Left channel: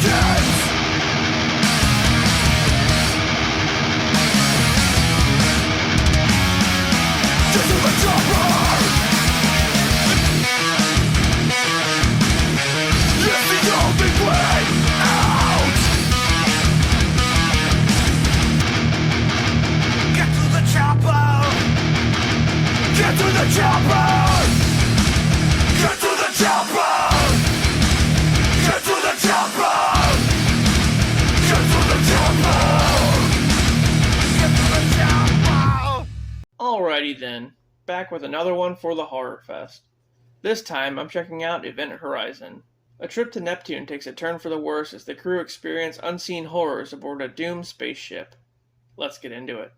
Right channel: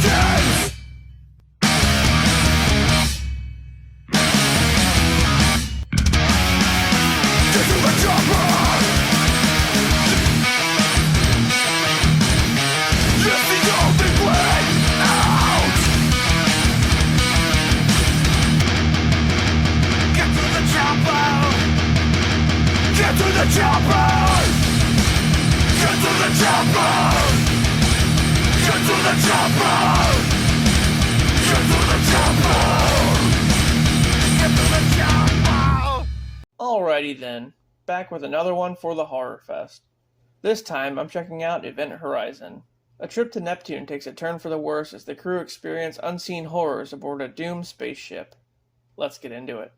begins. Get to the chopper. It's the only way out. Get to the chopper. Get to the chopper. Get to the chopper. Get to the chopper. Get to the chopper. Get to the chopper. Alrighty then, back with another one for the Horrorfest. This time I'm checking out Event Horizon. A trip to Neptune takes a turn for the worse as the crew experience unseen horrors aboard a doomed spaceship. Let's get into it.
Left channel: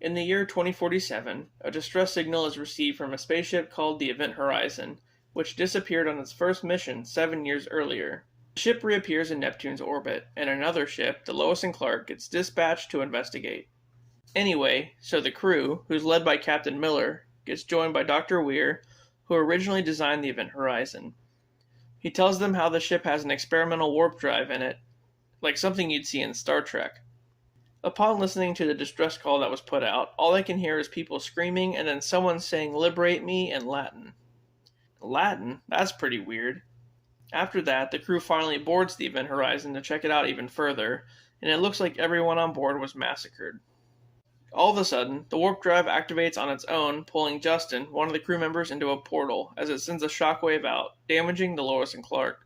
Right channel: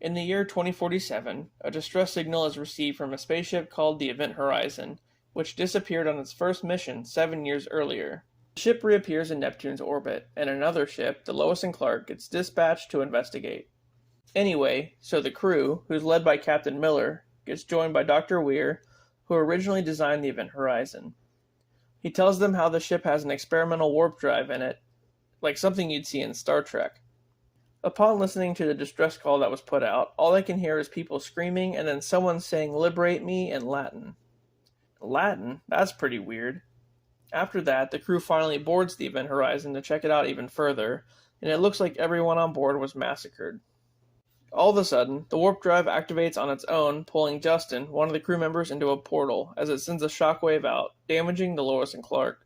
In the year 2047, a distress signal is received from a spaceship called the Event Horizon, which disappeared on its first mission 7 years earlier. The ship reappears in Neptune's orbit, and another ship, the Lois and Clark, gets dispatched to investigate. Anyway, so the crew, who's led by Captain Miller, gets joined by Dr. Weir, who originally designed the Event Horizon. He tells them how the ship has an experimental warp drive in it, like something you'd see in Star Trek. Upon listening to the distress call that was put out, all they can hear is people screaming and then someone saying "Liberate me" in Latin. Latin? That's pretty weird. After that, the crew finally boards the Event Horizon to check it out even further, and it looks like everyone on board was massacred. All of a sudden, the warp drive activates on its own, pulling Justin, one of the crew members, into a portal as it sends a shockwave out, damaging the Lois and Clark.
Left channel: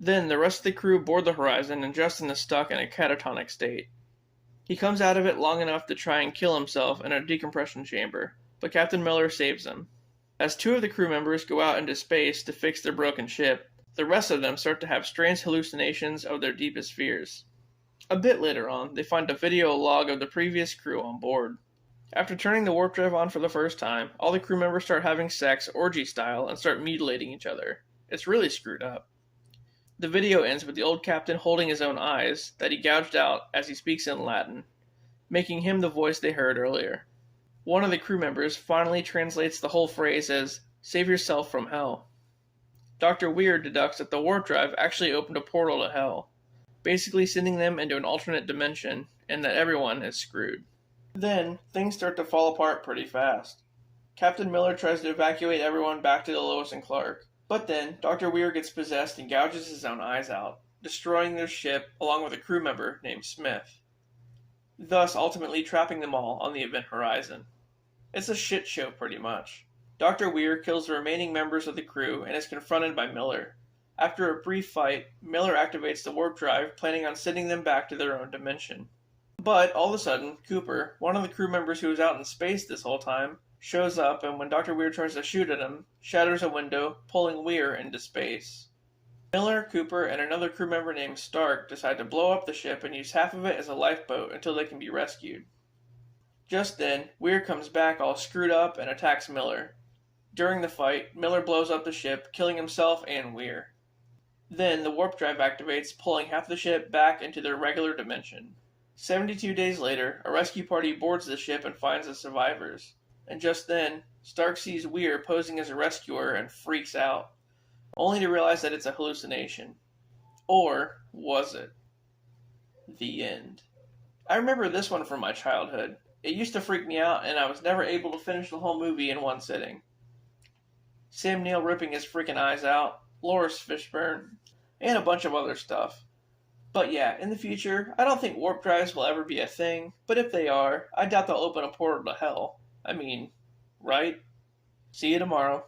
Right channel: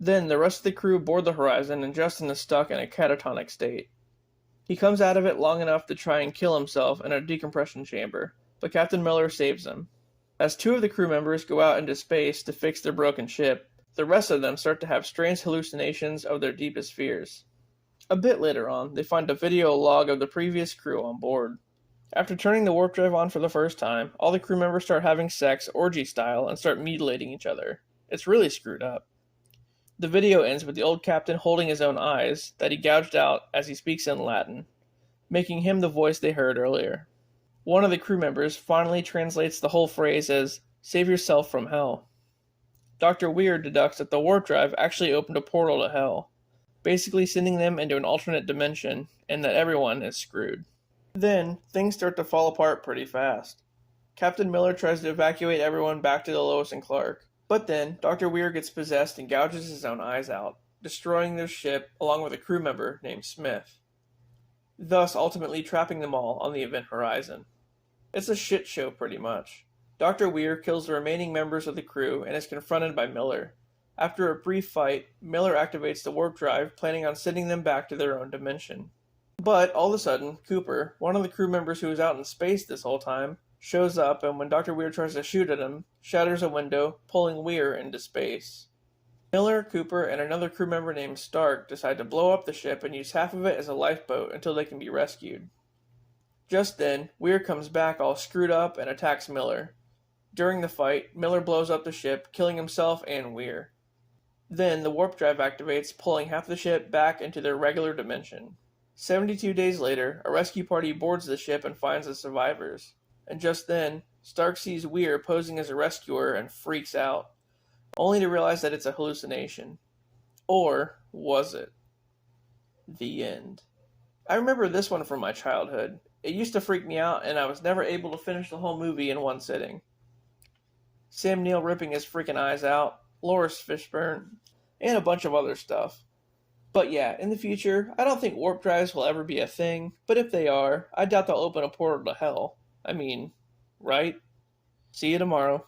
Then the rest of the crew board the Horizon and Justin is stuck in a catatonic state. He comes out of it long enough to try and kill himself in a decompression chamber, but Captain Miller saves him. As two of the crew members go out into space to fix their broken ship, the rest of them start to have strange hallucinations of their deepest fears. A bit later on, they find a video log of the previous crew on board. After turning the warp drive on for the first time, all the crew members start having sex orgy style and start mutilating each other. It's really screwed up. The video ends with the old captain holding his own eyes that he gouged out as he speaks in Latin, making him the voice they heard earlier. One of the crew members finally translates the whole phrase as "save yourself from hell." Dr. Weir deducts that the warp drive actually opened a portal to hell, basically sending them into an alternate dimension, and that everyone is screwed. Then, things start to fall apart pretty fast. Captain Miller tries to evacuate everyone back to the Lois and Clark, but then Dr. Weir gets possessed and gouges his own eyes out, destroying their ship along with a crew member named Smith, thus ultimately trapping them all on the Event Horizon. It's a shit show pretty much. Dr. Weir kills the remaining members of the crew and is confronted by Miller. After a brief fight, Miller activates the warp drive, planning on sending them back to their own dimension. But, all of a sudden, Cooper, one of the crew members who was out in space this whole time, shows up and when Dr. Weir tries to shoot at him, shatters a window, pulling Weir into space. Miller, Cooper, and another crew member named Stark decide to blow up the ship and use half of it as a lifeboat until they can be rescued. Just then, Weir comes back all screwed up and attacks Miller. During the fight, Miller blows up the ship, killing himself and Weir. Then, the warp drive activates, pulling half the ship back into their regular dimension. 72 days later, a rescue party boards the ship and finds the survivors. And just then, Stark sees Weir posing as a rescuer and freaks out, only to realize that it's a hallucination. Or was it? The end. I remember this one from my childhood. It used to freak me out, and I was never able to finish the whole movie in one sitting. Sam Neill ripping his freaking eyes out, Lawrence Fishburne, and a bunch of other stuff. But yeah, in the future, I don't think warp drives will ever be a thing, but if they are, I doubt they'll open a portal to hell. I mean, right? See you tomorrow.